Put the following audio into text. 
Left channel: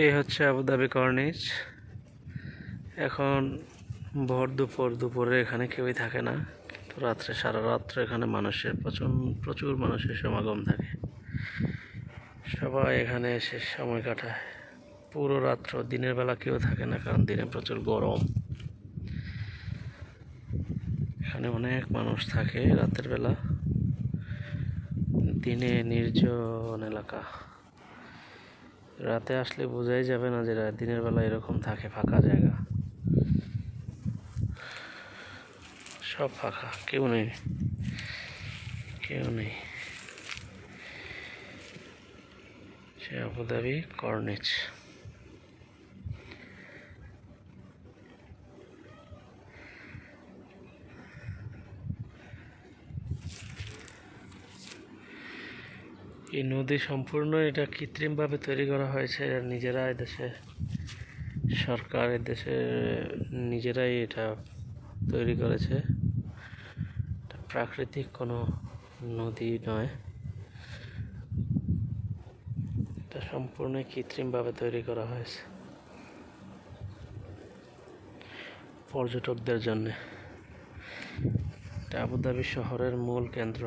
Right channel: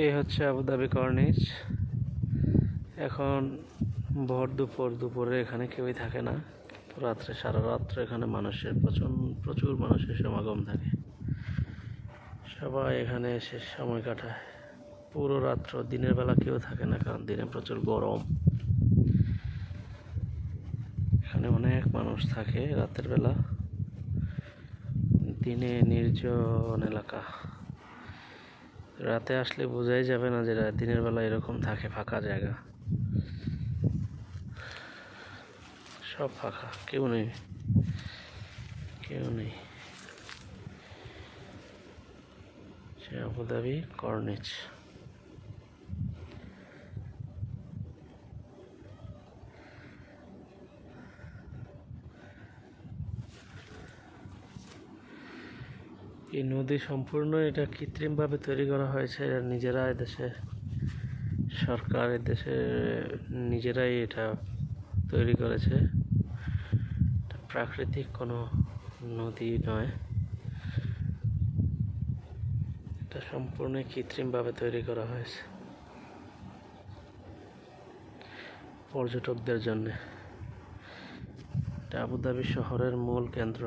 এই হচ্ছে আবুধাবি কর্নিচ। এখন ভোর দুপুরে এখানে কেউই থাকে না, কিন্তু রাত্রে সারা রাত্র এখানে প্রচুর মানুষের সমাগম থাকে। সবাই এখানে এসে সময় কাটায় পুরো রাত্র। দিনের বেলা কেউ থাকে না, কারণ দিনে প্রচুর গরম। এখানে অনেক মানুষ থাকে রাতের বেলা। দিনে নির্জন এলাকা, রাতে আসলে বোঝাই যাবে না যে দিনের বেলা এরকম থাকে। ফাঁকা জায়গা, সব ফাঁকা, কেউ নেই। সে আবুধাবি কর্নিচ। এই নদী সম্পূর্ণ এটা কৃত্রিমভাবে তৈরি করা হয়েছে। নিজেরা এদেশে সরকার নিজেরাই এটা তৈরি করেছে। প্রাকৃতিক কোনো নদী নয়, এটা সম্পূর্ণ কৃত্রিমভাবে তৈরি করা হয়েছে পর্যটকদের জন্য। এটা আবুধাবি শহরের মূল কেন্দ্র।